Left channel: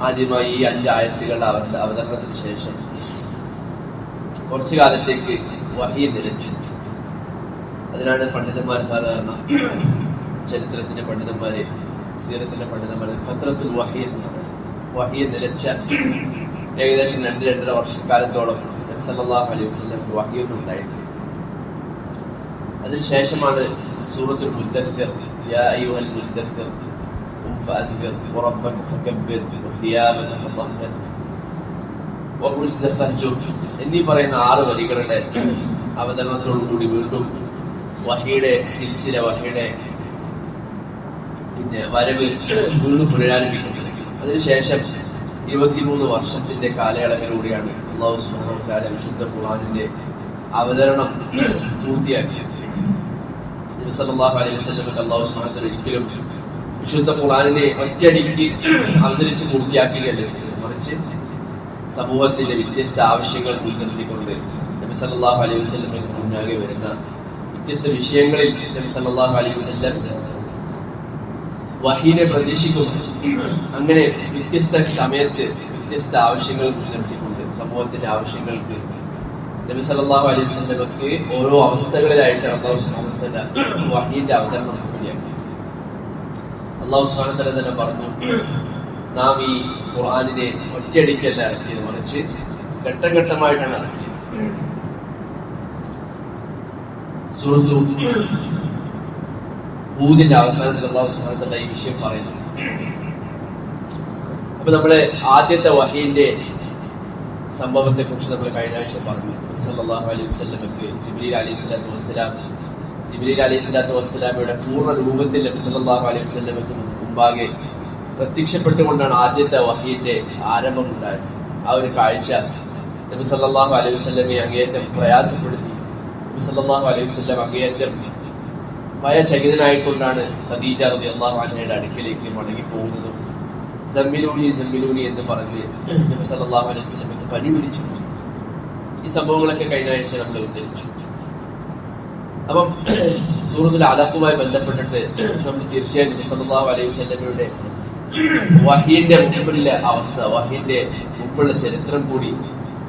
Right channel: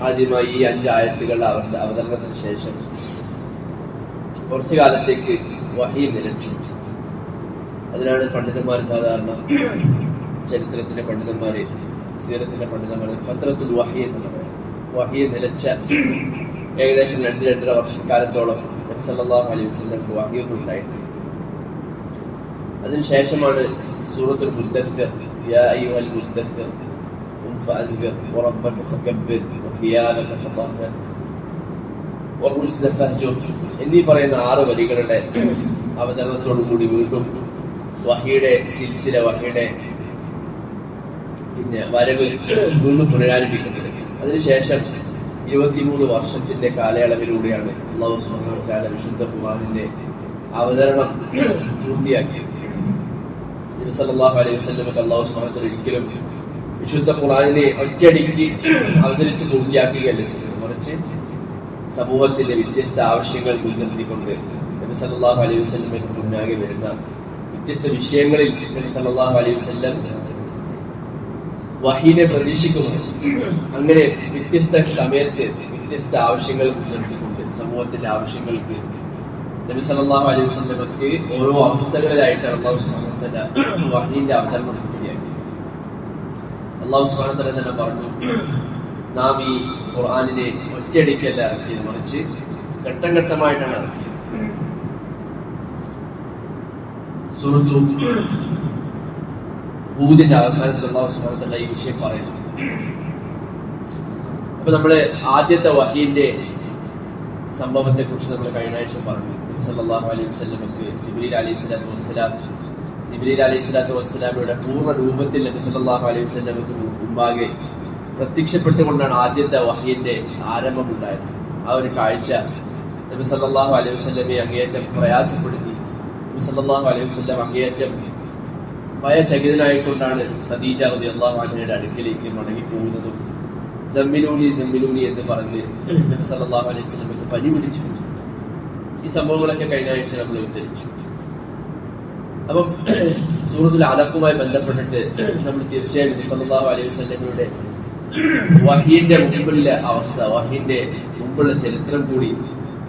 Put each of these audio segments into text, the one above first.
ആദ്യമായി ഈ അഞ്ച് ആയത്തുകൾ അവരുടെ അവതരണത്തിന് ശേഷം കുറച്ചു കാലത്തേക്ക് വഹി നിലച്ചു. അതിനാണ് പണ്ഡിതന്മാർ സാധാരണ ചരിത്രത്തിന്റെ പണ്ഡിതന്മാരെ സീറത്തിന്റെ പണ്ഡിതന്മാരെ ഫത്രത്തുൽ വഹി എന്ന് പറയുന്നത് വഹി നിലച്ച ഏകദേശം രണ്ട് രണ്ടര വർഷക്കാലത്തോളം അലൈഹി വസല്ലമക്ക് വഹിയൊന്നും ഉണ്ടായിട്ടില്ല. അതിനുശേഷമാണ് സൂറത്തുൽ മുദ്ദസ്സിർ യാ അയ്യുഹൽ المدثر قم ഫഅൻദിർ വറബ്ബക فكبر വറുസ്സ ഫഹ്ജുർ എന്നീ പറയുന്ന ആറ് വരികളുടെ അവതരണത്തോടു കൂടി വീണ്ടും വഹിയുടെ സിൽസില വഹിയുടെ പിന്നെ വരവ് വീണ്ടും പുനരാരംഭിക്കുന്നത് അതിനുശേഷം ഇരുപത്തിമൂന്ന് വർഷത്തിന്റെ കാലയളവിലൂടെയാണ് അള്ളാഹു തആല വിശുദ്ധ ഖുർആനിന്റെ അവതരണം പൂർത്തിയാക്കിയത്. നബി സല്ലല്ലാഹു അലൈഹി ഒരിക്കലും വിശുദ്ധ ഖുർആനിനെ ഒറ്റയടിക്ക് അവതരിച്ച് പൂർത്തിയാക്കുകയല്ല ചെയ്തത്. മറിച്ച് സമൂഹത്തിന്റെ വ്യത്യസ്ത ആവശ്യങ്ങൾ മുൻനിർത്തിക്കൊണ്ട് നബി സല്ലാഹു അലൈഹി വസല്ലമക്ക് മുന്നാകെ വരുന്ന വ്യത്യസ്ത വിഷയങ്ങളിൽ നബി സല്ലാഹു അലൈഹി വസ്ലം വഹീനെ പ്രതീക്ഷിക്കുന്നു. അങ്ങനെ വ്യത്യസ്ത സമയത്ത് വ്യത്യസ്ത ആവശ്യങ്ങൾ മുൻനിർത്തിക്കൊണ്ട് സമൂഹത്തിന്റെ ആവശ്യങ്ങൾക്ക് നബി സല്ലല്ലാഹു അലൈഹി സ്വലമക്ക് ഓരോ അവസ്ഥകളിലായിട്ട് അള്ളാഹു തആല വഹീന്റെ അവതരണം പൂർത്തിയാക്കി അള്ളാഹു തആല തന്നെ പറഞ്ഞു നാം ഈ ഖുർആാനിനെ ഒറ്റയടിക്കല്ല ഇറക്കിയത് മറിച്ച് ഘട്ടം ഘട്ടമായിട്ടാണ് ഇറക്കിയത്. സുഹൃത്തു ഹൂദിന്റെ അവസാനത്തിൽ അള്ളാഹു തആല ഈ വിഷയം പറയുന്നു. അപ്പൊ നമ്മൾ ആദ്യത്തെ വഹീന്റെ സംഭവത്തെ കുറിച്ച് നമ്മൾ കഴിഞ്ഞ ആഴ്ച പറഞ്ഞു. സല്ലാഹു അലൈഹി വസ്ലമക്ക് ജിബ്രീൽ അലൈഹി സ്വലാത്തു വസ്സലാം ജിബ്രീൽ അലൈഹി സ്വലാത്തു വസ്സലാമയുടെ പൂർണ രൂപത്തിൽ നബി സല്ലല്ലാഹു അലൈഹി വസ്ലമക്ക് മുമ്പാകെ പ്രത്യക്ഷപ്പെട്ടുകൊണ്ടാണ് ആദ്യത്തെ വഹീന്റെ ആരംഭം ഉണ്ടായത്. ആ ഒരു കാഴ്ച നബി സല്ലാഹു അലൈഹി വസ്ലമെ അങ്ങേയറ്റം പ്രയാസപ്പെടുത്തി. നബി സല്ലാഹു അലൈഹി വസ്ലം അങ്ങേയറ്റം ഭയചകിതനായിക്കൊണ്ടാണ് ഖദീജ റളിയല്ലാഹു അൻഹയുടെ അടുക്കിലേക്ക് മടങ്ങി പോകുന്നതും സമ്മിലൂനി സമ്മിലൂനി എന്ന് പറഞ്ഞ് നബി സല്ലല്ലാഹു അലൈഹി വസല്ലമക്ക് പനി പിടിച്ചു. ഈ സംഭവങ്ങളൊക്കെ കഴിഞ്ഞ ആഴ്ച നമ്മൾ ഉദ്ധരിച്ചു. അപ്പം സൂറത്തുൽ അലക്കുമായി ബന്ധപ്പെട്ടിട്ട് നമ്മൾ തീർച്ചയായും നബി സല്ലല്ലാഹു അലൈഹി വസല്ലമയുടെ വഹീന്റെ മുമ്പിലുള്ള അവസ്ഥ വഹീന്റെ മുമ്പുള്ള ചരിത്രം കൂടി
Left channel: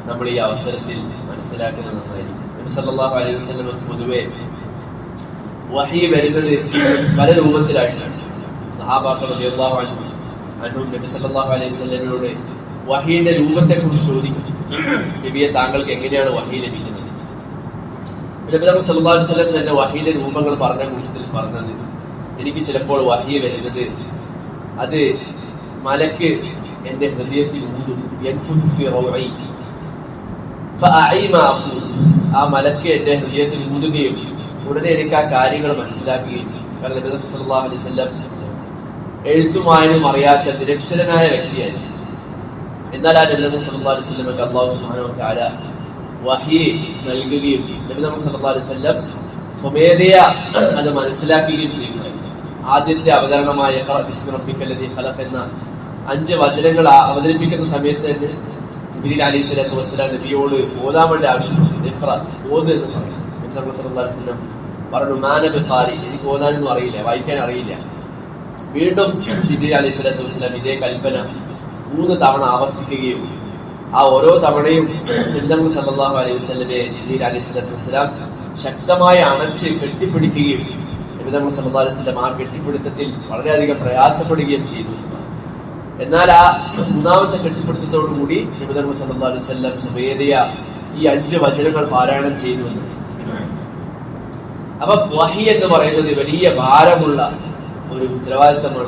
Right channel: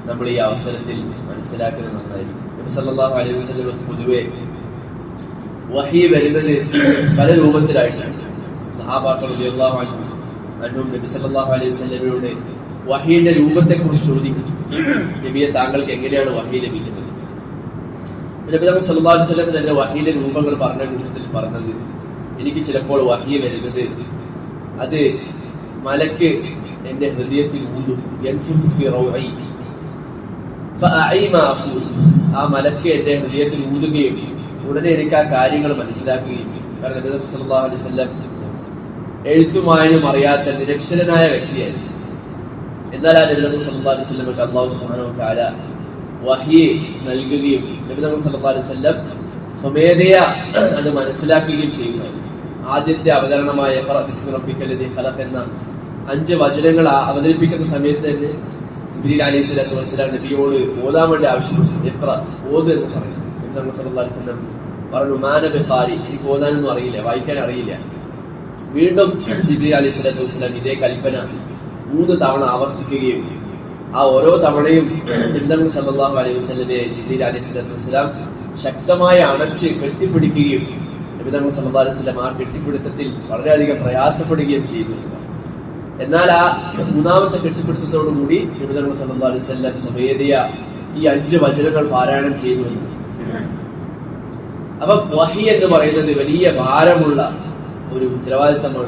നമ്മൾ ഈ അവസരത്തിൽ മനസ്സിലാക്കുന്നത് നന്നായിരിക്കും. നബി സല്ലല്ലാഹു അലൈഹി വസല്ലം പൊതുവെ വഹി വരുന്നത് പല രൂപത്തിലായിട്ടാണ്. സഹാബാക്കൾ അൻഹു അന്നും നബി സല്ലല്ലാഹു അലൈഹി വസല്ലമയോട് വഹീന്റെ രൂപത്തെ കുറിച്ച് ചോദിക്കും നബിയെ താങ്കൾക്ക് എങ്ങനെയാണ് വഹി ലഭിക്കുന്നത്? നബി തങ്ങൾ സല്ലല്ലാഹു അലൈഹി വസല്ലം തന്നെ വഹീന്റെ രൂപങ്ങൾ പറഞ്ഞ കൂട്ടത്തിൽ പറഞ്ഞത് എനിക്ക് ചിലപ്പോൾ വഹിയെ വരുന്നത് അത് മലക്ക് എന്റെ ഹൃദയത്തിൽ ഊതും. ആ മലക്ക് എന്റെ ഹൃദയത്തിൽ ഊതുകയും ഉടനെ എനിക്ക് ആ കാര്യങ്ങൾ മനസ്സിലാക്കുകയും കാരണം നബി സല്ലല്ലാഹു അലൈഹി വസല്ലം എഴുത്തും വായനയും അറിയാത്ത നിരക്ഷരനായ വ്യക്തിയായിരുന്നു എന്നാൽ ആ നബി സല്ലാ അലൈഹി വ തആല വഹി നൽകുകയും നബി സല്ലാ അലൈഹി സ്വമേധയാ അത് മനസ്സിലാക്കുകയും ചെയ്യുമായിരുന്നു. ആദ്യത്തെ അവതരണമായ ഖലഖ് എന്ന അഞ്ച് വചനങ്ങൾ അവതരിപ്പിക്കുന്ന സമയത്ത് തന്നെ ജിബ്രീൽ അലൈഹി സ്വലാത്തു നബിയോട് ഓതാൻ വേണ്ടി ആവശ്യപ്പെട്ടു ഇഖ്റ ഓത് എന്ന് പറയും നബി സല്ലാ അലൈഹി വസല്ലം പറഞ്ഞു മാനബി ഖാരി? എനിക്ക് ഓതാനൊന്നും അറിയില്ല വായിക്കാൻ അറിയില്ല. വീണ്ടും ജിബ്രീൽ അലി സ്വലാത്തു വസ്സലാം ഇതേ കൽപ്പന മൂന്ന് തവണ ആവർത്തിക്കുകയും ആ ഓരോ തവണയും തിരുനബി സല്ലല്ലാഹു അലൈഹി വസ്ലമെ ജിബ്രീൽ അലി സ്വലാത്തു വസ്സലാം ശക്തമായി അണച്ച് കെട്ടിപ്പിടിക്കുകയും നബി സല്ലാ അലൈഹി വസല്ലം ആ കെട്ടിപ്പിടുത്തത്തിൽ വളരെയധികം പ്രയാസപ്പെടുകയും ചെയ്തു. എന്നാൽ ആ മൂന്നാമത്തെ കെട്ടിപ്പിടുത്തത്തോടുകൂടി കൂടി സല്ലാ അലൈഹി വസല്ലം സ്വമേധയ ഈ അഞ്ച് വചനങ്ങൾ പാരായണം ചെയ്തു. എന്ന് അപ്പൊ വഹി എന്ന് പറയുന്നത് വലിയ ഭാരമുള്ള ഒരു ഉത്തരവാദിത്തമുള്ള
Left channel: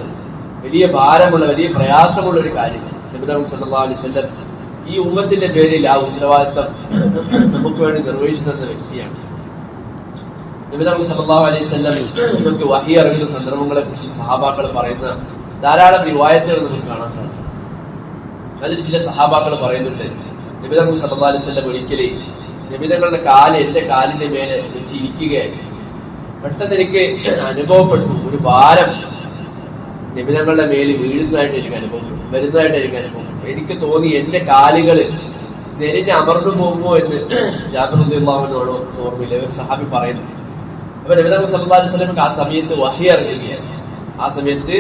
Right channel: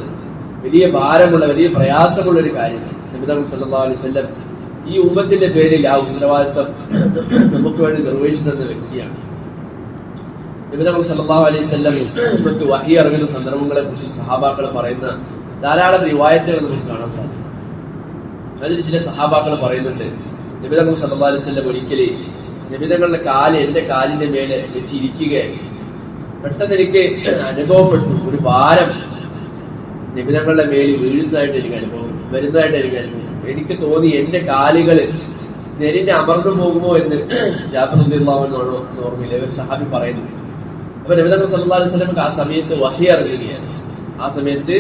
വലിയ ഭാരമുള്ള വലിയ പ്രയാസമുള്ള ഒരു കാര്യമാണ് നബിതങ്ങൾ സല്ലല്ലാഹു അലൈഹി വസല്ലം ഈ ഉമ്മത്തിന്റെ പേരിൽ ആ ഉത്തരവാദിത്തം നമുക്ക് വേണ്ടി നിർവഹിച്ചു തന്ന വ്യക്തിയാണ്. നബിതങ്ങൾ സല്ലല്ലാഹു അലൈഹി നമുക്ക് വഹി അറിയുന്ന സന്ദർഭങ്ങളെ കുറിച്ച് സഹാബാക്കൾ പറയുന്ന ധാരാളം റിവായത്തുകൾ നമുക്ക് കാണാൻ സാധിക്കും. അതിൽ ചില സഹാബാക്കൾ പറയുന്നുണ്ട് നിബിതം സല്ലാ അലൈഹി ഒരിക്കലേ നബിതങ്ങളുടെ കാൽ എന്റെ കാലിന്റെ മേലെ വെച്ച് ഇരിക്കുകയായി പെട്ടെന്ന് എനിക്ക് അനുഭവപ്പെട്ടു. ഒരു ഭാരം നിബിധങ്ങളുടെ മേലിൽ വീഴുന്നതായിട്ട് എനിക്ക് അനുഭവപ്പെട്ടു. വരുന്നതായിട്ട് എനിക്ക് അനുഭവപ്പെട്ടു. എനിക്ക് തോന്നി എന്റെ കാലുകൾ നെരിഞ്ഞ് അമർന്നു പോകുമോ എന്ന് എന്ന് ഓർമ്മയില്ല. ഇവർ സഹാബി പറയുന്നു. അപ്പൊ നബിതങ്ങൾ സല്ലല്ലാഹു അലൈഹി ആ സമയത്ത് വഹി അറിയുകയാണ്. ആ സമയത്ത്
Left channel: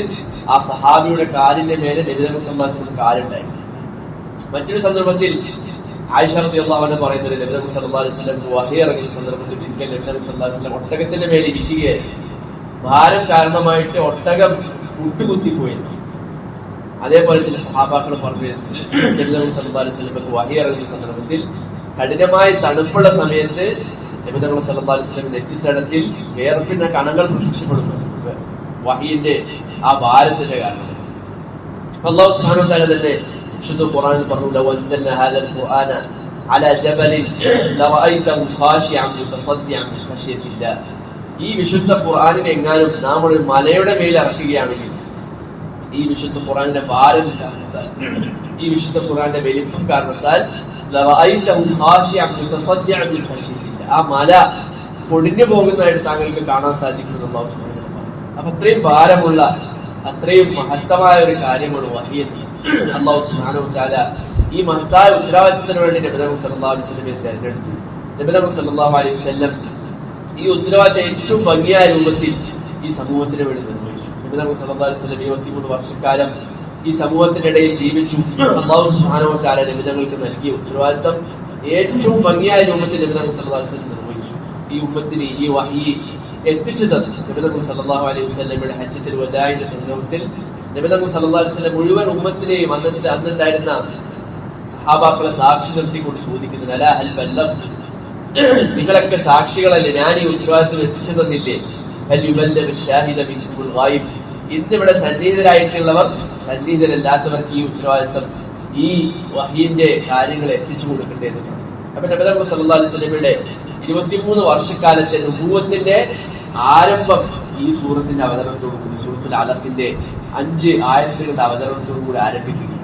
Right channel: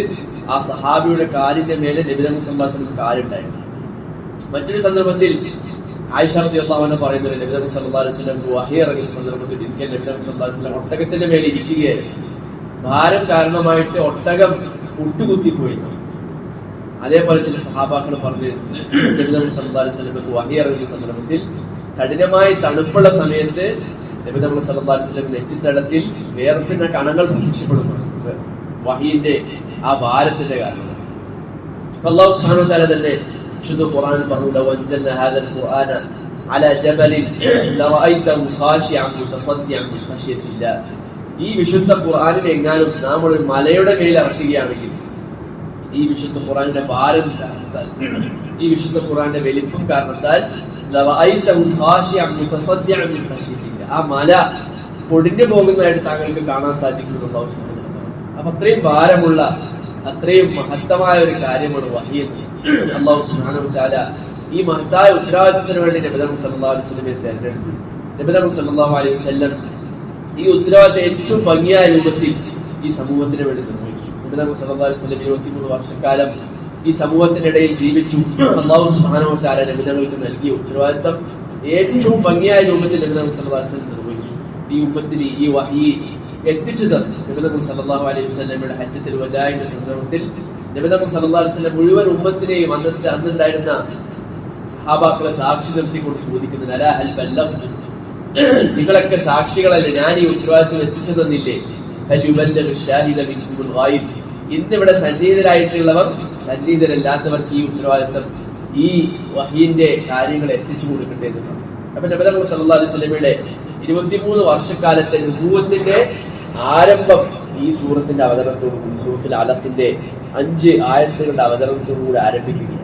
ആ സഹാബിയുടെ കാലിന്റെ മേലെ നബിതങ്ങൾ സംഭാഷണത്തിൽ കാലുണ്ടായിരുന്നു. മറ്റൊരു സന്ദർഭത്തിൽ ഒട്ടകത്തിന്റെ മേലെ ഇരിക്കുകയായിരുന്നു. ഭാരം കാരണമായിട്ട് ഒട്ടകം മുട്ടുകുത്തിപ്പോയി അതേപോലെ ചില സഹാബാക്കൾ പറഞ്ഞു ഇറങ്ങിയ സന്ദർഭത്തിൽ കഠിനമായ തണുപ്പുള്ള സമയത്ത് സല്ലല്ലാഹു അലൈഹി വസല്ലം നെറ്റിത്തടത്തിൽ വേർപ്പിന്റെ കണങ്ങൾ പ്രത്യക്ഷപ്പെടുന്നു വഹീന്റെ ആ ഭാരത്തിന്റെ കാരണം. അള്ളാഹു തആല തന്നെ വിശുദ്ധ ഖുർആനിൽ പറഞ്ഞു انزلنا അൻസൽന ഹാദൽ ഖുർആന അലാ ജബലിൻ ലറഅയ്തഹു ഖാശിഅൻ മുതസദ്ദിഅൻ മിൻ الله. ഈ വിശുദ്ധ ഖുർആനിനെ എങ്ങാനും നാം ഒരു മലയുടെ മേൽ ഇറക്കുകയാണെങ്കിൽ ഈ വിശുദ്ധ ഖുർആനിന്റെ ഭാരം കാരണത്താൽ ഈ വിശുദ്ധ ഖുർആന്റെ വലിപ്പം കാരണത്താൽ ആ മല പൊടിഞ്ഞു പോകുന്നതായിട്ട് താങ്കൾക്ക് കാണാൻ സാധിക്കുന്നുള്ള പറഞ്ഞു. അപ്പൊ അത്രയും ഭാരമുള്ള അത്രയും മഹത്തമായ ഒരു കാര്യമാണ് വഹിയെന്ന് അള്ളാഹു സുബ്ഹാനഹു തആല ഈ മഹത്തായ ഉത്തരവാദിത്തത്തിന് വേണ്ടി നബിതങ്ങൾ സല്ലല്ലാഹു അലൈഹി വസല്ലമയെ തെരഞ്ഞെടുത്തു. നബിതങ്ങൾ സല്ലല്ലാഹു അലൈഹി വസല്ലം ഈ ഉത്തരവാദിത്തം ഏറ്റവും ഭംഗിയായ രൂപത്തിൽ ഈ സമൂഹത്തിന് വേണ്ടി നിർവഹിച്ചു. നബിതങ്ങൾ സല്ലല്ലാഹു അലൈഹി വസല്ലം ഇരുപത്തിമൂന്ന് വർഷക്കാലം ഈ സമൂഹത്തിനിടയിൽ ജീവിച്ചു. അള്ളാഹു സുബ്ഹാനഹു തആല നബിതങ്ങൾക്ക് നൽകിയ ഉത്തരവാദിത്തം ഏറ്റവും ഭംഗിയായ രൂപത്തിൽ നബിതങ്ങൾ സല്ലല്ലാഹു അലൈഹി വസല്ലം നിർവഹിച്ചു. ഈ ഉമ്മത്തിന് ഈ വഹി എത്തിച്ചു തന്നു. നബിതങ്ങൾ സല്ലല്ലാഹു അലൈഹി വസല്ലമയുടെ ഹജ്ജത്തിൽ വദായിന്റെ സന്ദർഭത്തിൽ അലൈഹി വസല്ലം മുഴുവൻ ഉമ്മത്തിനെയും അന്നത്തെ അന്നുണ്ടായിരുന്ന സഹാബാക്കളെ സാക്ഷി നിർത്തിക്കൊണ്ട് ചോദിക്കുന്നത് അല ഹൽ ബല്ലഗ്തു? നിങ്ങളൊക്കെ സാക്ഷികളല്ലേ? ഞാൻ ഈ ഉത്തരവാദിത്വം എത്തിച്ചു തന്നില്ലേ ഹൽ യുബല്ലഗു ഷാഹിദ മിൻകുമുൽ ഗായിബ്. ഇന്നിവിടെ സന്നിഹിതരായിട്ടുള്ളവർ സന്നിഹിതരല്ലാത്തവർക്ക് ഈ ഉത്തരവാദിത്വം ഈ വഹീന്റെ കാര്യങ്ങൾ എത്തിച്ചു കൊടുക്കട്ടെ എന്ന് പറഞ്ഞു. അപ്പൊ നബിതങ്ങൾ അലൈഹി സ്വലമിയുടെ ഇരുപത്തിമൂന്ന് വർഷക്കാലത്തെ ഭൂവത്തിന്റെ ആരംഭം ഈ സൂറത്തിന്റെ അവതരണത്തോടു കൂടി സൂറത്തുൽ അലത്തിന്റെ അഞ്ച് ആയത്തുകളുടെ അവതരണത്തോടു കൂടി ആരംഭിക്കുകയാണ്.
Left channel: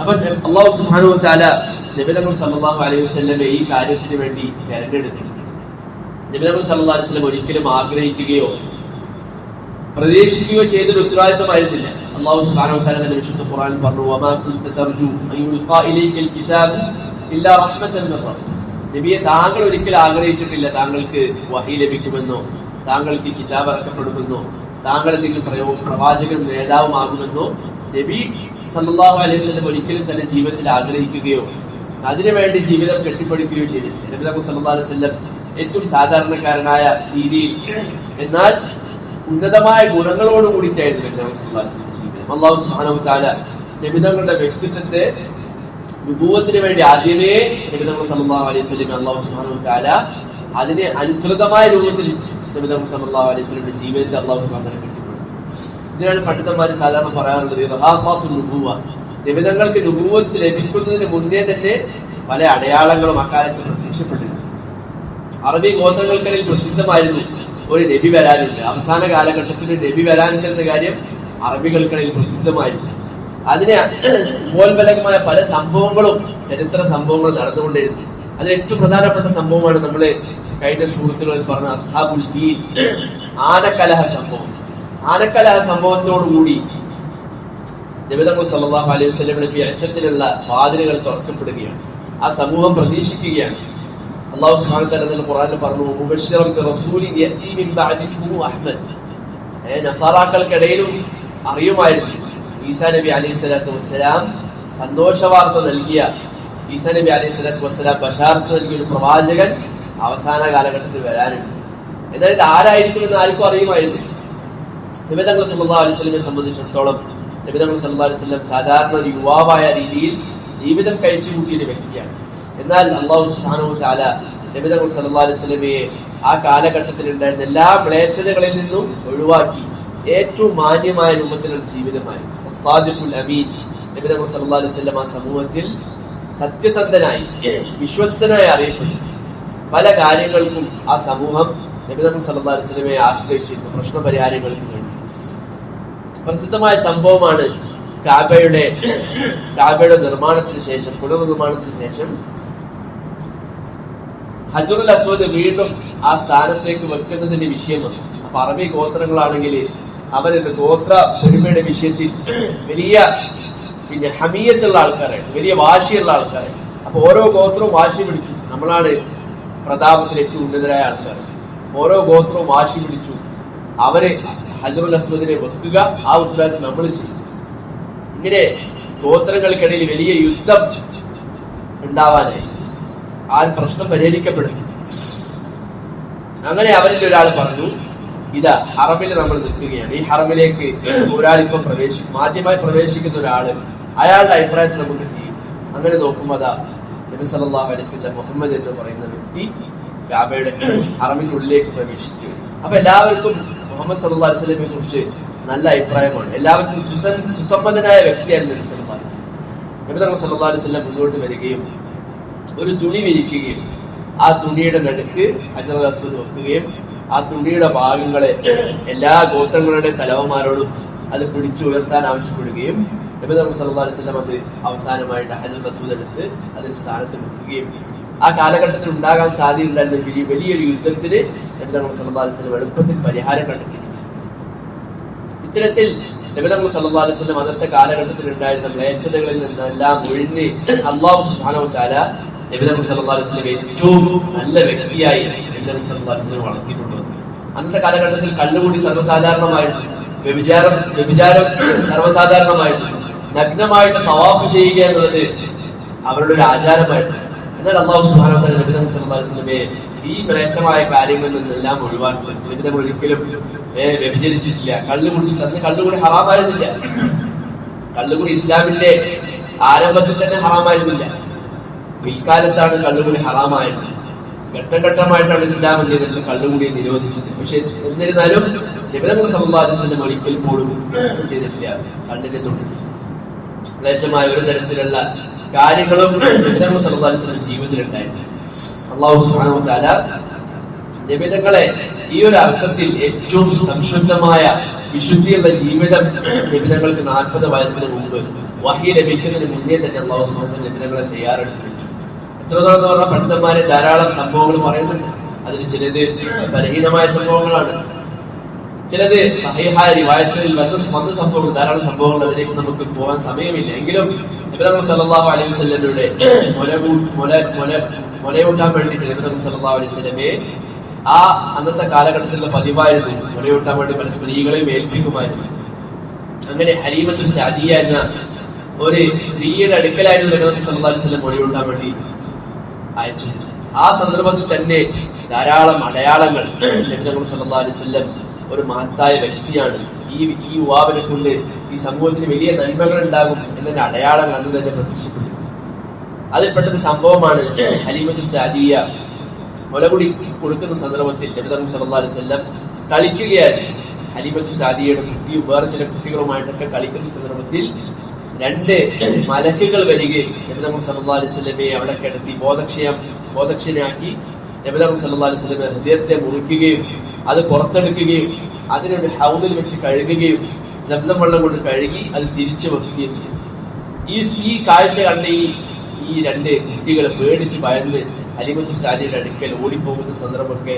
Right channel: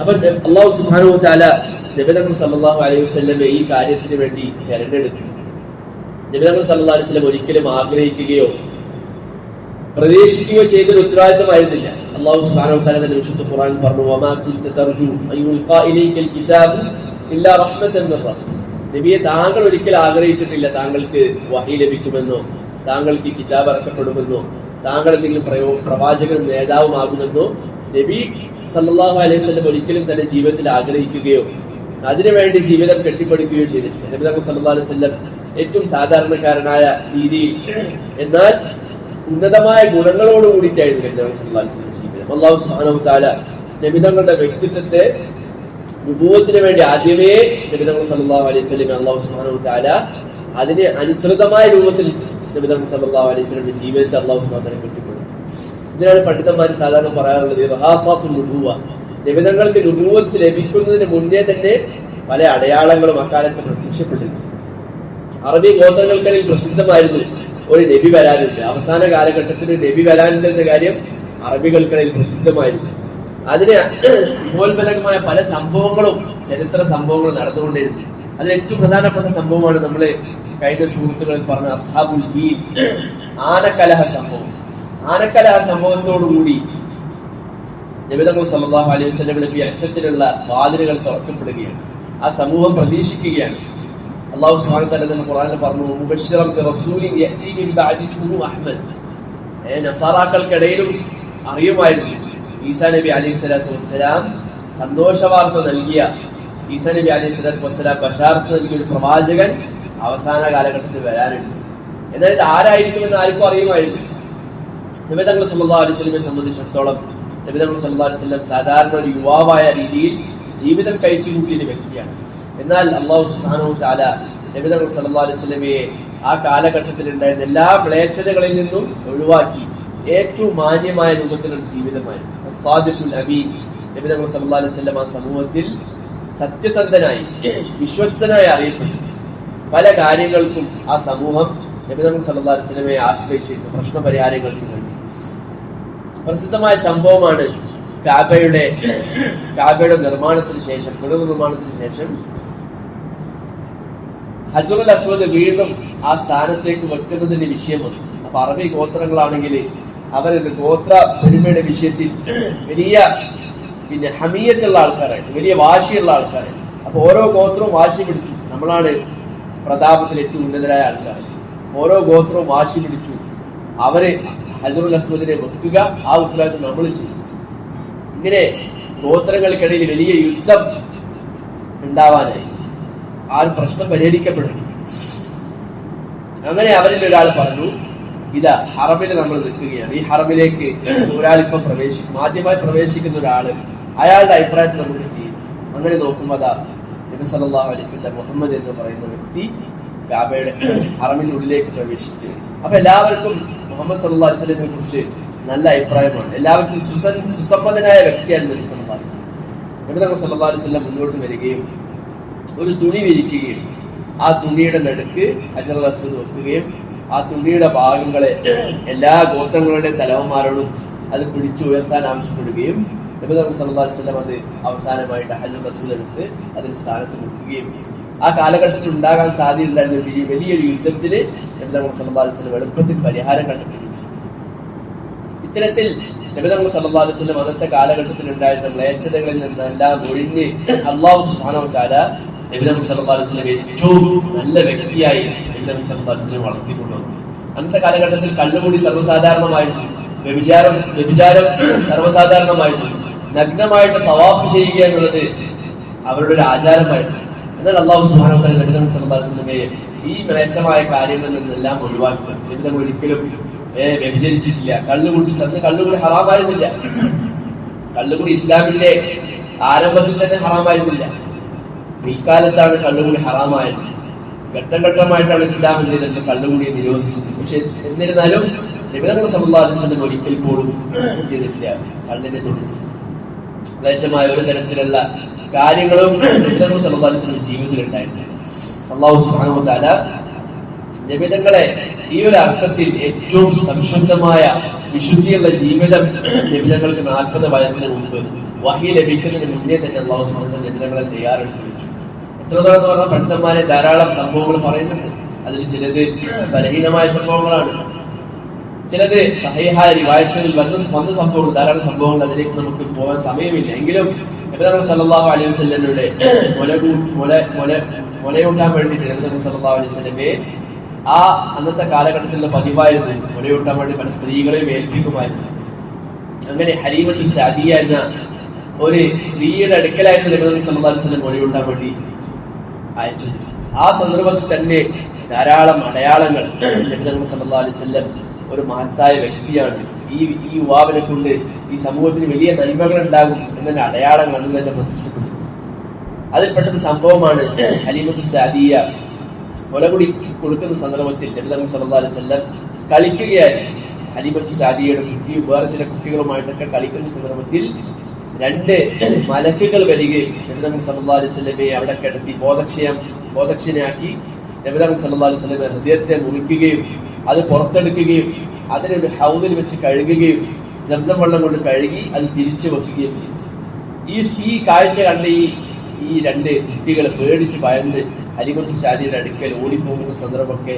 അപ്പൊ അള്ളാഹു സുബ്ഹാനഹു താല നബിതങ്ങൾ സല്ലല്ലാഹു അലൈഹി വസ്ലമെ ഈ കാര്യത്തിന് വേണ്ടി തെരഞ്ഞെടുത്തു. നബിതങ്ങൾ സല്ലാ അലൈഹി വസല്ലം ഒരിക്കലും ആഗ്രഹിക്കുകയോ പ്രതീക്ഷിക്കുകയോ ചെയ്തൊരു ഉത്തരവാദിത്തമായിരുന്നില്ല അള്ളാഹു സുബ്ഹാനഹു താല തന്നെ വിശുദ്ധ ഖുറാൻ പറഞ്ഞു നബിയെ താങ്കൾ ഒരിക്കലും ആഗ്രഹിച്ചിട്ടില്ല താങ്കൾക്ക് വഹി ലഭിക്കുമെന്നോ താങ്കൾക്ക് കിതാബ് ഇറക്കപ്പെടുമെന്നോ താങ്കൾ എന്തെങ്കിലും പ്രയോ പ്രവാചകനും നേതാവുമാകുമെന്നോ നബി സല്ലാഹു അലൈഹി സ്വലം ഒരിക്കലും തന്റെ ജീവിതത്തിൽ ആഗ്രഹിക്കുകയോ അതിനുവേണ്ടി ജീവിതം കെട്ടിപ്പടുക്കുകയോ ചെയ്തു നബി നബി സല്ലല്ലാഹു അലൈഹി വസല്ലം ഏറ്റവും സാധാരണക്കാരനായ രീതിയിൽ എന്നാൽ ഉന്നതമായ ഗുണങ്ങളോട് കൂടിയിട്ടായിരുന്നു നബി നബി സല്ലാ അലൈഹി വസല്ലം ജീവിതം. അള്ളാഹു സുഹാനു താല നബി തങ്ങളുടെ വ്യക്തിത്വത്തെ വിഭവത്തിന് വേണ്ടി ആദ്യമേ നബി തങ്ങൾ സല്ലല്ലാഹു അലൈഹി സ്വലം അള്ളാഹു സുഹാനു താല അതിന് അനുസൃതമായ രൂപത്തിൽ നബി തങ്ങൾ സല്ലല്ലാഹു അലൈഹി ജീവിതത്തെ അള്ളാഹു വ തആല ഇതിനാണ് പണ്ഡിതന്മാർ സാധാരണ പറയാറുള്ളത് റഹാസാത്തു നുബൂവ നിബിധങ്ങൾക്ക് നുബൂവത്ത് ലഭിക്കുന്നതിന് മുന്നേ തന്നെ പല അടയാളങ്ങളും അക്കാലത്ത് പ്രത്യക്ഷപ്പെട്ടിരുന്നു അറബി ഗോത്രങ്ങൾക്കിടയിൽ പ്രസിദ്ധമായിരുന്നു ഒരു നബി വരാനില്ല. അവസാന കാലഘട്ടത്തിൽ നബി വരാനില്ല എന്ന കാര്യം അറബികൾക്കിടയിൽ പ്രസിദ്ധമായിരുന്നു. അതിന് ഉപോത്ബലകമായ പല സംഭവങ്ങളും ചരിത്ര സംഭവങ്ങളും നടന്നുകൊണ്ടിരുന്നു. അതിൽ ഏറ്റവും പ്രധാനപ്പെട്ട സംഭവമാണ് നമ്മൾ കഴിഞ്ഞ സുഹൃത്തുക്കൾ പറഞ്ഞ അസ്ഹാബുൽ ഫീൽ ആനക്കലഹ സംഭവം. ആനക്കലഹ സംഭവത്തോടുകൂടി നബിതങ്ങൾ സല്ലല്ലാഹു അലൈഹി വസ്ലമിന് വ്യക്തത്തിലുള്ള വാതിലുകൾ തുറക്കപ്പെടുകയാണ്. ആ സമൂഹം പ്രതീക്ഷിക്കുകയാണ്. അള്ളാഹു വതആല തന്നെ ഖുർആനിൽ പറഞ്ഞു നസാറാക്കൾക്കിടയിലും അറിയുമായിരുന്നു. ഈസാ നബി അലൈഹി സ്വലാത്തു വസ്സലാം സന്തോഷ വാർത്ത നൽകിയ ഈസാ നബി അലൈഹി സ്വലാത്തു വസ്സലാം ബഷാർത്ത് നൽകിയ ഒരു പ്രവാചകൻ അവസാന കാലഘട്ടത്തിൽ വരാനുണ്ട് എന്നാൽ ഇത് ആരായിരിക്കുമെന്ന് ആർക്കും അറിയുമായിരുന്നു നിബിതങ്ങൾ സല്ലല്ലാഹു അലൈഹി വസല്ലമയെ സംബന്ധിച്ചിടത്തോളം നിബിതങ്ങൾ സല്ലല്ലാഹു അലൈഹി വസല്ലം സാധാരണ ഒരു യുവാവായ രീതിയിൽ ജീവിതം കഴിച്ചു കൂട്ടിയ ഒരു വ്യക്തിയാണ്. എന്നാൽ അള്ളാഹു സുഹാനു താല നബിതങ്ങൾ സല്ലല്ലാഹു അലൈഹി വസല്ലമയെ ആ കാലഘട്ടത്തിൽ ഉണ്ടായിരുന്ന എല്ലാ മ്ലേച്ഛതകളിൽ നിന്നും ഒഴിവാക്കി ഏറ്റവും മാന്യമായ രൂപത്തിലുള്ള ജീവിതമായിരുന്നു. സാദിഖുൽ അമീൻ. നബിതങ്ങൾ സല്ലല്ലാഹു അലൈഹി വസല്ലം ആ സമൂഹത്തിൽ സത്യസന്ധനായി വിശ്വസ്തനായി അറിയപ്പെട്ടു. പല കാര്യങ്ങൾക്കും ആ സമൂഹം നബിതം സല്ലല്ലാഹു അലൈഹി വസല്ലമയെ ആശ്രയിച്ചിരുന്നു പ്രശ്ന പരിഹാരങ്ങൾക്ക് വേണ്ടി പ്രസിദ്ധമായ സംഭവമാണ് കാബയുടെ കാബയുടെ നിർമ്മാണത്തിന് ശേഷം പുനർനിർമ്മാണത്തിന് ശേഷം ഹജുറുൽ അസ്വദ് വീണ്ടും ആ സ്ഥാനത്തേക്ക് വെക്കുന്നതിന്റെ വിഷയം വന്നു അപ്പൊ അറബി ഗോത്രങ്ങളാണെങ്കിൽ അവരെന്ത് ഗോത്ര പെരുമയുടെ വിഷയത്തിൽ വലിയ പിന്നെ ഹമീയത്തുള്ള ആൾക്കാരായിരുന്നു വലിയ വാശിയുള്ള ആൾക്കാരായിരുന്നു അപ്പൊ ഓരോ ഗോത്രവും വാശി പിടിച്ചു. നമ്മളാണ് പ്രതാപത്തിൽ ഏറ്റവും ഉന്നതരായ ആൾക്കാർ. ഓരോ ഗോത്രവും വാശി പിടിച്ചു അവരെ ഹജറുൽ അസ്മദിനെ വെക്കുക ആ ഉത്തരവാദിത്വം നമ്മൾ ചെയ്തു ഇങ്ങനെ ഗോത്രങ്ങൾക്കിടയിൽ വലിയ യുദ്ധം ഉണ്ടാവാനായി. ആ പ്രശ്നം പരിഹരിക്കപ്പെടും അങ്ങനെ അവരിൽ ഒരാൾ പറഞ്ഞു ഇതാ ഹറമിൽ നമ്മൾ നിൽക്കുകയാണ്. ഈ ഹറമിലേക്ക് ഒരാളിപ്പം പ്രവേശിക്കും. ആദ്യമായി പ്രവേശിക്കുന്ന ഒരാൾ അയാളുടെ അഭിപ്രായത്തിൽ നമുക്ക് ചെയ്യും അങ്ങനെ നോക്കുമ്പോൾ അതാ നബി അലൈഹി വസല്ലം മുഹമ്മദ് എന്ന് പറയുന്ന വ്യക്തി കാബയുടെ അറമിനുള്ളിലേക്ക് പ്രവേശിച്ചു. അപ്പൊ എല്ലാവർക്കും മുഹമ്മദ് സല്ലാ അലൈഹി വസല്ലമയെ കുറിച്ച് നല്ല അഭിപ്രായമാണ്. എല്ലാവർക്കും സുസൻ സുസമ്മതനായ വ്യക്തിയാണ് നബി സല്ലാ വസല്ലം. നബി തങ്ങൾ സല്ലാ അലൈഹി വസല്ലം മുന്നോട്ട് വരികയും ഒരു തുണി വിരിക്കുകയും ആ തുണിയുടെ നടുക്ക് ഹജർ നോക്കുകയും ആ തുണിയുടെ ഭാഗങ്ങളെ എല്ലാ ഗോത്രങ്ങളുടെ തലവന്മാരോടും അത് പിടിച്ചുയർത്താൻ ആവശ്യപ്പെടുകയും അത് അവസാനമായിട്ട് ഹജർ റസൂൽ എടുത്ത് അതിന് സ്ഥാനത്ത് വെക്കുകയും ആ കാലഘട്ടത്തിൽ ഉണ്ടാകാൻ സാധ്യതയുണ്ടായിരുന്ന വലിയ വലിയൊരു യുദ്ധത്തിന് നബി സല്ലാ വസല്ലം എളുപ്പത്തിൽ പരിഹാരം കണ്ടെത്തുകയും ഇത്തരത്തിൽ നബിതങ്ങൾ സല്ലല്ലാഹു അലൈഹി വസല്ലം അന്നത്തെ കാലഘട്ടത്തിൽ ഉണ്ടായിരുന്ന മ്ലേച്ഛതകളിൽ നിന്നെല്ലാം ഒഴിഞ്ഞ് അള്ളാഹു സുബ്ഹാനഹു വതആല നബിതങ്ങൾ സല്ലല്ലാഹു അലൈഹി വസല്ലം ഏറ്റവും നല്ല വ്യക്തിയായി നബിതങ്ങൾ സല്ലാ വളർത്തിക്കൊണ്ടു വളർത്തിക്കൊണ്ടുവന്നു അന്നത്തെ കാലഘട്ടത്തിൽ കള്ളുകൂടി സർവസാധാരണമായിരുന്നു. വ്യഭിചാരം വ്യഭിചാരം സർവസാധാരണമായിരുന്നു. നഗ്നമായിട്ട് തവാഫ് ചെയ്യുക എന്നുള്ളത് അവരുടെ ഒരു ആചാരമായിരുന്നു. എന്നാൽ അള്ളാഹു സുബ്ഹാനഹു നബിദം നബിതങ്ങൾ വസല്ലമയെ ഈ മ്ലേച്ഛമായ കാര്യങ്ങളിൽ നിന്നെല്ലാം ഒഴിവാക്കുക നബിതങ്ങൾ ഒരിക്കലും വ്യഭിചരിച്ചിട്ടില്ല. കള്ളു കുടിച്ചിട്ടില്ല അന്ന് കള്ളുകൂടി ഹറാമായിരുന്നില്ല. കള്ളുകൂടി ഇസ്ലാമിന്റെ ആരംഭത്തിൽ തന്നെ ഹറാമായിരുന്നില്ല. പിൽക്കാലത്താണ് കള്ളുകൂടി ഹറാമായത്. ഘട്ടം ഘട്ടമായിട്ടാണ് ഇസ്ലാം എന്ത് കള്ളുകൂടി നിരോധിച്ചത്. പക്ഷെ എന്നിരുന്നാലും നിബിധങ്ങൾ സമുദായത്തിലും ഒരിക്കൽ പോലും എന്ത് ചെയ്തിട്ടില്ല. കള്ളിനെ തൊട്ടിട്ട് ക്ലേശമായ ഒരു തരത്തിലുള്ള കാര്യങ്ങളും നബിതങ്ങൾ ജീവിതത്തിൽ ഉണ്ടായിട്ടുണ്ട് അള്ളാഹു നിബിധങ്ങളെ ഈ ഒരു അർത്ഥത്തിൽ ഏറ്റവും സംശുദ്ധമായ വിശുദ്ധിയുള്ള ജീവിതം നബിതങ്ങൾക്ക് നാൽപ്പത് വയസ്സിന് മുമ്പ് വഹി ലഭിക്കുന്നതിന് മുന്നേ തന്നെ അള്ളാഹു സുബ്ഹാനഹു നബിതങ്ങളെ തയ്യാറെടുത്ത് വെച്ചു. എത്രത്തോളം എന്ന് പറഞ്ഞാൽ പണ്ഡിതന്മാരെ ധാരാളം സംഭവങ്ങൾ പറയുന്നുണ്ട്. അതിൽ ചിലത് ബലഹീനമായ സംഭവങ്ങളാണ്. ചിലത് സഹേഹായ റിവായത്തുകളിൽ വന്ന വന്ന സംഭവങ്ങൾ ധാരാളം സംഭവങ്ങൾ അതിലേക്ക് നമുക്ക് പോകാൻ സമയമില്ല. എങ്കിലും നബിതങ്ങൾ സല്ലാഹു അലൈഹി വസല്ലമയുടെ മുല മുല മുല മുലയൂട്ടാൻ വേണ്ടിയിട്ട് നബിതങ്ങൾ സല്ലാഹു അലൈഹി വസ്ലമയെ ആ അന്നത്തെ കാലഘട്ടത്തിലുള്ള പതിവായിരുന്നു. മുലയൂട്ടാൻ വേണ്ടി പല സ്ത്രീകളെയും ഏൽപ്പിക്കുമായിരുന്നു. അങ്ങനെ ഹരീമത്തു സാദിയ എന്ന ഒരു സ്ത്രീയുടെ അടുക്കലായിരുന്നു നബിതങ്ങൾ സല്ലല്ലാഹു അലൈഹി വസ്ലം മുലയൂട്ടാൻ വേണ്ടി അയച്ചത്. ആ സന്ദർഭത്തിൽ തന്നെ ധാരാളം അടയാളങ്ങൾ നബിതങ്ങൾ സല്ലാ അലൈഹി വസല്ലം ഒരു മഹത്തായ വ്യക്തിയാണ്. ഈ ഈ യുവാവിനെ കൊണ്ട് ഈ സമൂഹത്തിന് വലിയ നന്മകൾ ഉണ്ടാകും എന്നതിന്റെ അടയാളങ്ങൾ അന്ന് തന്നെ പ്രത്യക്ഷപ്പെട്ടു. അതിൽപ്പെട്ടൊരു സംഭവമാണ്. അലിമത്തു സാദിയ മുലകുടി കൊടുക്കുന്ന സന്ദർഭത്തിൽ നബിതങ്ങൾ സല്ലല്ലാഹു അലൈഹി വസല്ലം കളിക്കുകയായിരുന്നു. അലിമത്തു സാദിയയുടെ കുട്ടിയും വേറെ ചില കുട്ടികളുമായിട്ടൊക്കെ കളിക്കുന്ന സന്ദർഭത്തിൽ രണ്ട് മലക്കുകൾ വരികയും നബിതങ്ങൾ സല്ലല്ലാഹു അലൈഹി വസല്ലമയെ അവിടെ കിടത്തി ബോധക്ഷയം ബോധക്ഷനാക്കി നബിതങ്ങൾ സല്ലല്ലാഹു അലൈഹി സ്വലമെ ഹൃദയത്തെ മുറിക്കുകയും അത് പുറത്തെടുക്കുകയും അതിനൊരു ഹൗദിൽ വെച്ച് കഴുകുകയും ജംസം വെള്ളം കൊണ്ട് കഴുകി അത് തിരിച്ചു വെക്കുകയും ചെയ്തു. ഈ ഈ കാഴ്ച കണ്ട് ഈ ഈ രണ്ട് കുട്ടികൾ പേടിച്ച് ഭയന്ന് അലിമത്തു സാജിയുടെ അടുക്കൽ ഓടിപ്പോകുന്ന സന്ദർഭമൊക്കെ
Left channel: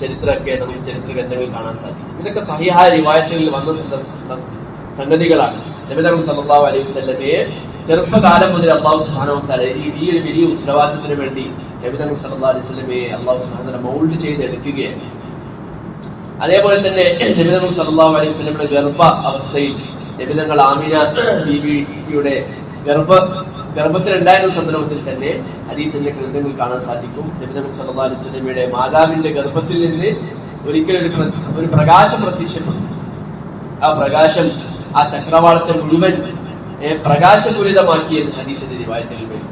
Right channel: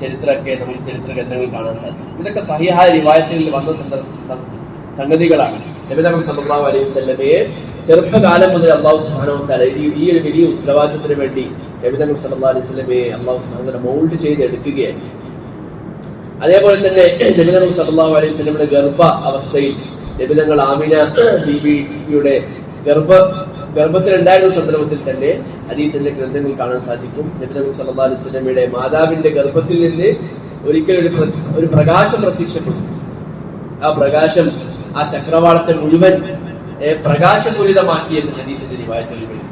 ചരിത്രമൊക്കെ നമുക്ക് ചരിത്ര ഗ്രന്ഥങ്ങളിൽ കാണാൻ സാധിക്കും. ഇതൊക്കെ സഹിഹായ റിവായത്തുകളിൽ വന്ന സംഗതികളാണ്. നബിതങ്ങൾ സല്ലല്ലാഹു അലൈഹി വസല്ലമയെ ചെറുപ്പകാലം മുതൽ അള്ളാഹു തആല ഈ ഒരു വലിയ ഉത്തരവാദിത്തത്തിന് വേണ്ടി നബിതങ്ങൾ സല്ലല്ലാഹു അലൈഹി സ്വലമയെ അള്ളാഹു സുബ്ഹാനഹു വ മൗൾഡ് എടുക്കുകയാണ് അതേപോലെ തന്നെ നബിതങ്ങൾ സല്ലല്ലാഹു അലൈഹി സ്വലമിയുടെ ഗർഭ അവസ്ഥയിൽ നബിതങ്ങൾ ആമിന ബീബിയുടെ ഗർഭ ഗർഭത്തിലുണ്ടായിരുന്ന സന്ദർഭത്തിൽ തന്നെ ഹദീസിന്റെ ഗ്രന്ഥങ്ങൾ കാണാൻ സാധിക്കും. നബിതങ്ങൾ സല്ലല്ലാഹു അലൈഹി സ്വലമിയുടെ മാതാവിന്റെ ഗർഭത്തിൽ നിന്ന് ഒരിക്കലും ഒരു പ്ര- ഒരു പ്രകാശം പ്രത്യക്ഷപ്പെട്ടു ആ പ്രകാശം ആ ചക്രവാളത്തെ മുഴുവൻ പ്രകാശപൂരിതമാക്കി എന്ന് അതീതന്റെ നിവായത്തിൽ വരും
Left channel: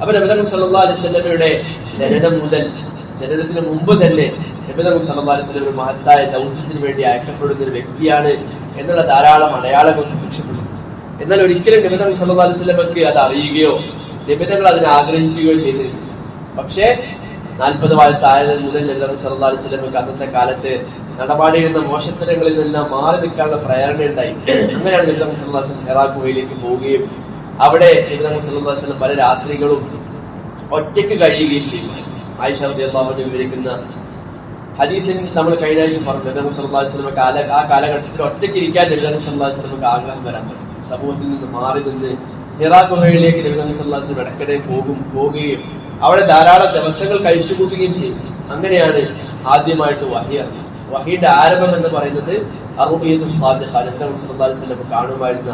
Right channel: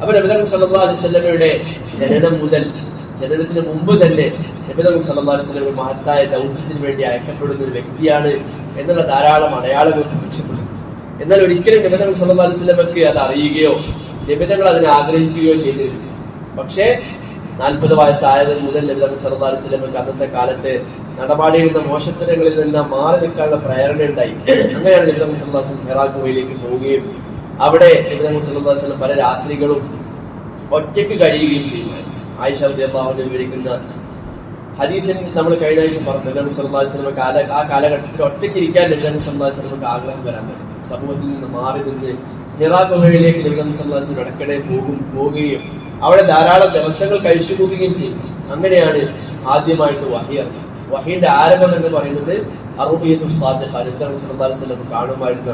അപ്പൊ നബിതങ്ങൾ സല്ലല്ലാഹു അലൈഹി വസല്ലമയുടെ ജനനം മുതൽ ജനനത്തിന് മുമ്പ് തന്നെ നബിതങ്ങൾ മഹത്തായ ദൗത്യത്തിന് വേണ്ടി അയക്കപ്പെടുന്ന ഒരു വ്യക്തിയാണ് എന്നുള്ള ധാരാളം അടയാളങ്ങൾ പ്രത്യക്ഷപ്പെടുന്നു എന്നാൽ ഒരിക്കലും നബിതങ്ങൾ സല്ലല്ലാഹു അലൈഹി വസല്ലമക്ക് അത് അറിയുകയോ നബിതങ്ങൾ അതിനെ ആഗ്രഹിക്കുകയോ ചെയ്തിരുന്നു പക്ഷേ നാൽപ്പത് വയസ്സായത് മുതൽ നബിതങ്ങൾ സല്ലല്ലാഹു അലൈഹി വസല്ലമക്ക് അന്നത്തെ കാലത്ത് നടപാടിയിരുന്ന മോശത്തരങ്ങളിൽ നിന്നെല്ലാം മാറി നിൽക്കാനുള്ള പ്രേരണ ഉണ്ടായി. അങ്ങനെയാണ് നബിതങ്ങൾ സല്ലല്ലാഹു അലൈഹി വസല്ലം ഗുഹയിലേക്ക് പോവുകയും അവിടെ നബിതങ്ങൾ അലൈഹി പല രാത്രികളും ഒറ്റയ്ക്ക് കഴിയുകയും ചെയ്യുമായിരുന്നു ആയിഷ അൻഹ വിവരിക്കുന്ന ഹദീസിൽ നമ്മൾ കഴിഞ്ഞ ആഴ്ച പറഞ്ഞു. നബി സല്ലല്ലാഹു അലൈഹി വസല്ലം കാല ആ കാലഘട്ടത്തിൽ ഒറ്റയ്ക്ക് ഇരിക്കാൻ നബി സല്ലല്ലാഹു അലൈഹി വസല്ലം ആഗ്രഹം വരാൻ തുടങ്ങി സമൂഹത്തിൽ നിന്ന് മാറി നിന്ന് ഹിറാ ഗുഹയിലേക്ക് നബി സല്ലല്ലാഹു അലൈഹി വസല്ലം ഇടക്കിടെ പോകും പോവുകയും അവിടെ ധാരാളം ദിവസങ്ങൾ കഴിച്ചു കൂട്ടുകയും ചെയ്തു. അങ്ങനെയാണ് ആദ്യമായിട്ട് വഹി അറിഞ്ഞത് വഹീന്റെ ആരംഭം എന്ന് പറയുന്നത് അറുബിയതു സാദിഖ നബി സല്ലല്ലാഹു അലൈഹി വസല്ലം കാണുമായിരുന്ന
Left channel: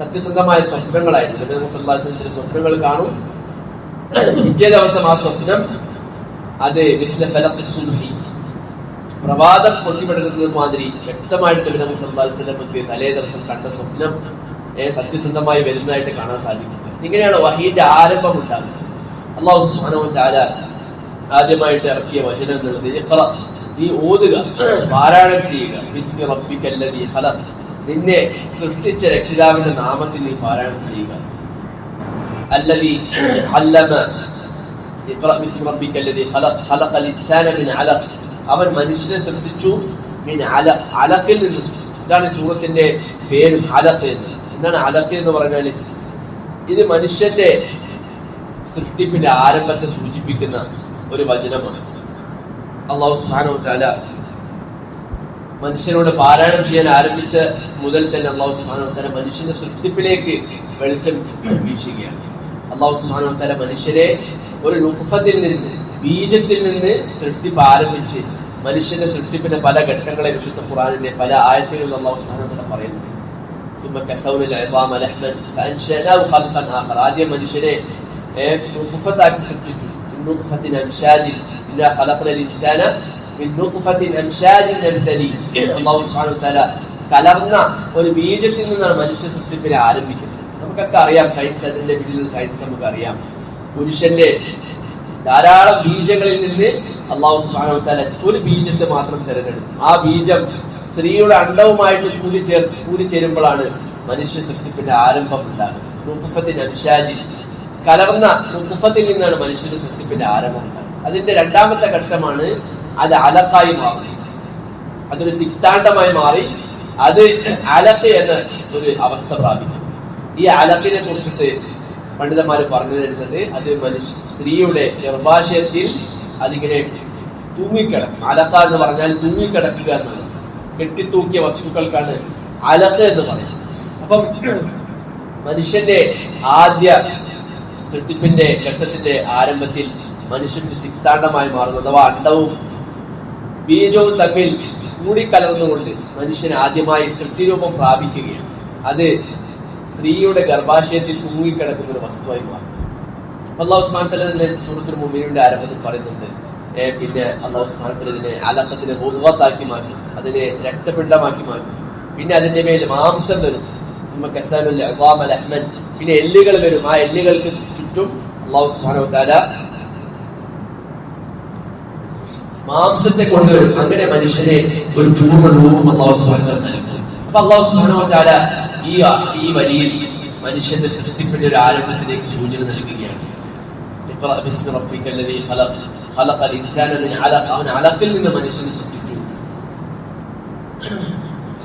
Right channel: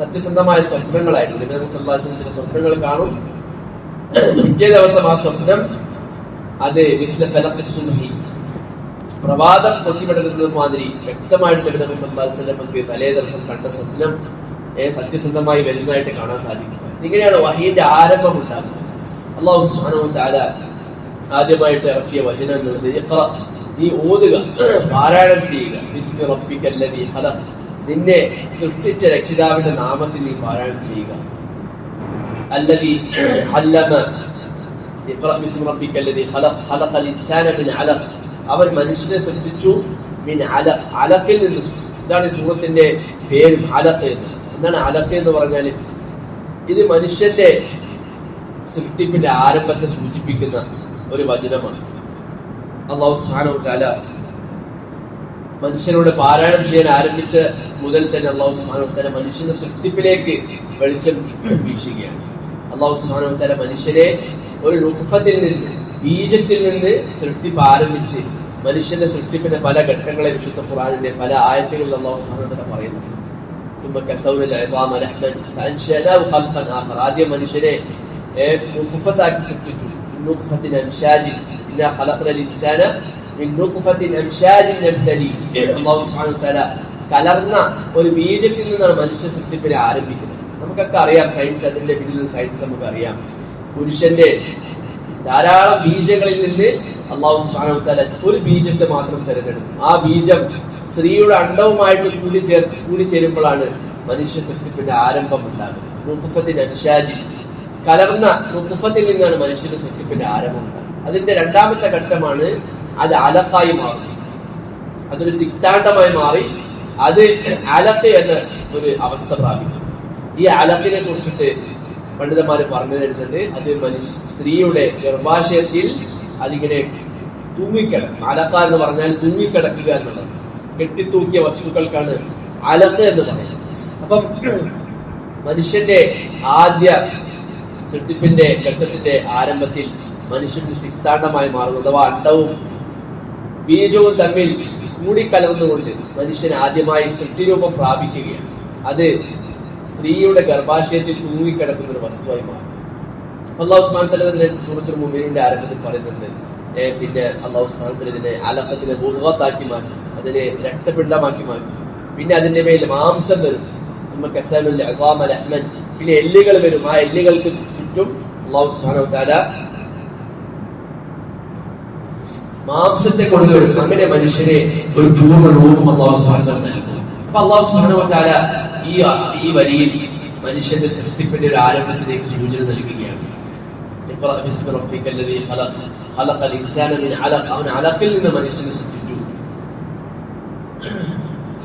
സത്യസന്ധമായ സ്വപ്നങ്ങളായിരുന്നു. നബി സല്ലല്ലാഹു അലൈഹി വസല്ലം സ്വപ്നങ്ങൾ കാണും. പിറ്റേ ദിവസം ആ സ്വപ്നം അത് മിസ്ല ഫലഖ് സുബ്ഹി പ്രഭാതം പൊന്തിപടരുന്നത് മാതിരി വ്യക്തമായിട്ട് നബി സല്ലാസ്ലം നമുക്ക് തലേ ദിവസം കണ്ട സ്വപ്നം സത്യസന്ധമായി വരുന്നതായിട്ട് കാണാൻ സാധിക്കുന്നത് ഇങ്ങനെയാണ് വഹീന്റെ ആരംഭം ഉണ്ടാകുന്നത്. അള്ളാഹു സുഹാനവും ചാല ആദ്യമായിട്ട് ഇറക്കിയ വചനം എന്നുള്ളത് ഇത്ര നീ ഓതുക പാരായണം ചെയ്യുക. നിന്നെ സൃഷ്ടിച്ച രക്ഷിതാവിന്റെ നാമത്തിൽ നീ പാരായണം ചെയ്യുക. അല്ലതി അല്ലമ ഇഖ്റ ബിസ്മി റബ്ബിക്കല്ലദി ഖലഖ. ഖലഖൽ ഇൻസാന മിൻ അവൻ മനുഷ്യനെ സൃഷ്ടിച്ചു മിൻ അല അലക്കിൽ നിന്ന് ഇതാണ് ഈ സൂറത്തിന്റെ പേരും അലക്ക് എന്ന്. എന്താണ് അലക്ക് എന്ന് പറഞ്ഞാൽ ഇത് മനുഷ്യന്റെ സൃഷ്ടിപ്പിന്റെ ആരംഭത്തെ സൂചിപ്പിക്കുന്ന ഒരു വചനമാണ്. അള്ളാഹു തആല മനുഷ്യനോട് പാരായണം ചെയ്യാൻ ആരംഭിച്ച മുതൽ തന്നെ അള്ളാഹു തആല മനുഷ്യന്റെ സൃഷ്ടിപ്പിലേക്ക് വെളിച്ചം വീശുകയാണ് അള്ളാഹു തആല മനുഷ്യരെ ഒരു രൂപത്തിൽ നിന്ന് ബീജത്തിൽ നിന്ന് സൃഷ്ടിപ്പ് ആരംഭിച്ച് മനുഷ്യന്റെ സൃഷ്ടിപ്പിന്റെ പല ഘട്ടങ്ങളെ വിശുദ്ധ ഖുർആനിന്റെ പല ആയത്തുകളിൽ അള്ളാഹു സുബ്ഹാനഹു വ തആല പറയുന്നുണ്ട് ثم كسونا العظام لحما فانشأناه خلقا آخر ആദ്യം മനുഷ്യനെ ഏഹ്, നുത്ഫത്താക്കി സൃഷ്ടിച്ചു നുത്ഫത്തിൻ അംശാജിൻ ഇന്നാ ഖലഖന الإنسان من نطفة أمشاج نبتليه അള്ളാഹു സുബ്ഹാനഹു വ തആല കലർന്ന ഒരു ബീജത്തിൽ നിന്നാണ് മനുഷ്യ സൃഷ്ടിപ്പിനെ ആരംഭിക്കുന്നത് നമുക്കൊക്കെ അറിയാം സയൻസ് അതിന്റെ പിന്നിൽ സയൻസ് നമുക്ക് അറിയാം പുരുഷന്റെ ധാരാളം ബീജങ്ങളിൽ നിന്ന് അള്ളാഹു സുബ്ഹാനഹു വ തആല ഒരു ബീജത്തെ മാത്രം തിരഞ്ഞെടുക്കും. ആ ബീജം സ്ത്രീയുടെ അണ്ടവുമായിട്ട് കൂലി ചേർ കൂലി ചേരുമ്പോഴാണ് മനുഷ്യ സൃഷ്ടിപ്പിന്റെ ആരംഭം ഉണ്ടാകുന്നത്. കലർന്ന നുത്തുഫത്തിൽ നിന്നാണ് മനുഷ്യന്റെ സൃഷ്ടിപ്പിന്റെ ആരംഭം ഉണ്ടാകുന്നത്. അതിന്റെ രണ്ടാമത്തെ ഘട്ടമാണ് അത് അലക്കായി മാറി. അതൊരു സിക്താണ്ടമായി മാറി. അത് അലക്ക് എന്ന ഒരു അവസ്ഥ പ്രാപിക്കും ഈ അലക്കിനെ കുറിച്ചിട്ട് പണ്ഡിതന്മാർ പറഞ്ഞു തരുന്നത് അത് സ്ത്രീയുടെ ഗർഭാശയത്തിൽ അതിങ്ങനെ തൂങ്ങിക്കിടക്കും. അലക്ക എന്ന് പറഞ്ഞാൽ തൂങ്ങിക്കിടക്കുക എന്നുള്ളത്. കെട്ടിത്തൂക്കിയ വസ്തുക്കൾക്കാണ് അലക്ക എന്ന് പറയുന്നത്. അപ്പം മനുഷ്യന്റെ ആദ്യ സൃഷ്ടിപ്പിന്റെ ഘട്ടത്തിന്റെ ആരംഭത്തിൽ മനുഷ്യന്റെ സിദ്ധാന്തമായി മാറുന്നു. അഥവാ അണ്ടവും ബീജവും തമ്മിൽ കൂടിക്കലർന്നുകൊണ്ട് മനുഷ്യൻ ആദ്യമായി സൃഷ്ടിരൂപം പ്രാപിക്കുകയാണ്. അത് സ്ത്രീയുടെ ഗർഭാശയത്തിൽ തൂങ്ങിക്കിടക്കുന്ന ഒരു വസ്തുവായി മാറി. അള്ളാഹു സ്മാൻ സലതിന്റെ സുഹൃത്തു മുമീനിന്റെ ആരംഭത്തിൽ പറയുന്നുണ്ട്. പിന്നെ അള്ളാഹു സ്മാൻ സലതിനെ അലക്കത്തിനെ ബോധവത്താക്കി മാറ്റി അതിനെ രക്തപിണ്ഡമാക്കി മാറ്റി. പിന്നെ അതിന്റെ മേൽ മാംസം വരും. പിന്നെ എല്ലുകൾ വരും. ആ എല്ലുകൾക്ക് ചുറ്റും അള്ളാഹു സ്മാനോ താല മാംസത്തെ കൊണ്ടുവരും. അങ്ങനെ മനുഷ്യനെ ഒരു പൂർണ രൂപം അള്ളാഹു സ്മാനോ അപ്പൊ അള്ളാഹു ഈ ഈ വരിയിൽ മനുഷ്യന്റെ സൃഷ്ടിപ്പിന്റെ ഒരു ആരംഭത്തിലേക്ക് സൂചന നൽകുകയാണ് اقرأ باسم ربك الذي خلق خلق الإنسان من علق അവൻ അലക്കിൽ നിന്ന് മനുഷ്യനെ സൃഷ്ടിച്ചു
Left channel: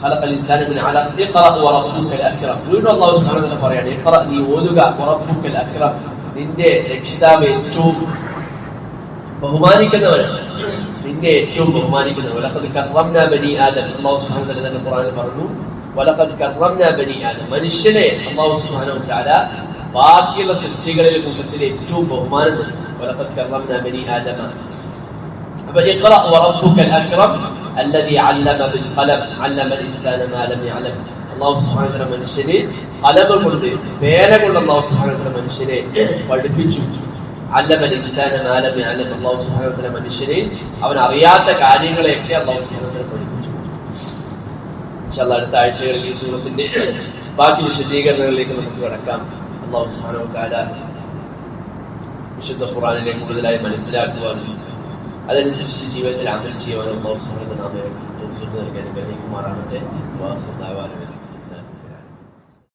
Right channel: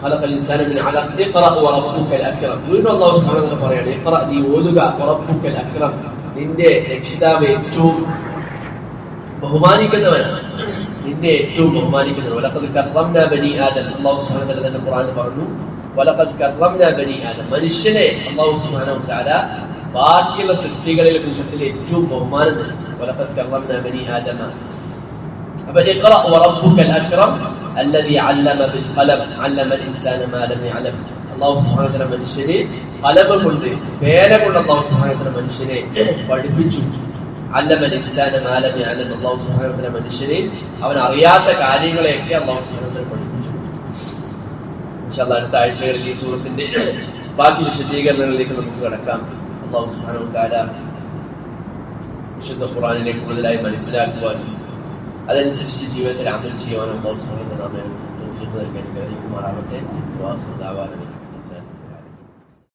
خلق الإنسان من علق اقرأ وربك الأكرم വീണ്ടും അള്ളാഹു സുബ്ഹാനഹു വതആല പറയാണ് اقرأ നീ ഓതുക وربك الأكرم നിന്റെ രക്ഷിതാവ് ഏറ്റവും ബഹുമാനിക്കുന്നവനാണ് നിന്നെ ഏറ്റവും ബഹുമാനിക്കുന്നവൻ വലഖദ് കറംനാ ബനി ആദം അല്ലാഹു സുബ്ഹാനഹു വ തആല തന്നെ ഖുർആനിൽ പറഞ്ഞു വലഖദ് കറംനാ ബനി ആദം മനുഷ്യനെ അല്ലാഹു സുബ്ഹാനഹു വ തആല ബാക്കിയുള്ള സൃഷ്ടികളിലെ കൂട്ടത്തിൽ ഏറ്റവും ബഹുമാനം നൽകി വലഖദ് കറംനാ ബനി ആദമ അപ്പൊ ഇഖ്റ വറബ്ബുക അക്രം الذي علم بالقلم علم الانسان ما لم يعلم അല്ലാഹു സുബ്ഹാനഹു വ തആല മനുഷ്യനെ കലം കൊണ്ട് പേന കൊണ്ട് അല്ലാഹു സുബ്ഹാനഹു വ തആല മനുഷ്യനെ പഠിപ്പിച്ചു അല്ലമൽ ഇൻസാന മാലം അല്ലം അള്ളാഹു സുബ്ഹാനഹു വ തആല മനുഷ്യനെ അവൻ അറിയാത്ത കാര്യങ്ങളെയൊക്കെ അള്ളാഹു സുബ്ഹാനഹു വ തആല പഠിപ്പിച്ചു ഇൻഷാല്ലാ അടുത്ത ആഴ്ചകളിൽ ഈ സൂറത്തിന്റെ ബാക്കി വിശദീകരണങ്ങളിലേക്ക് നമുക്ക് കടക്കാം അള്ളാഹു സുബ്ഹാനഹു വ തആല വിശുദ്ധ ഖുർആനിനെ കൂടുതലായി മനസ്സിലാക്കുവാനും അതനുസരിച്ച് ജീവിതത്തിൽ അമൽ ചെയ്യുവാനും അള്ളാഹു സുബ്ഹാനഹു വ തആല നമ്മെ തൗഫീഖ്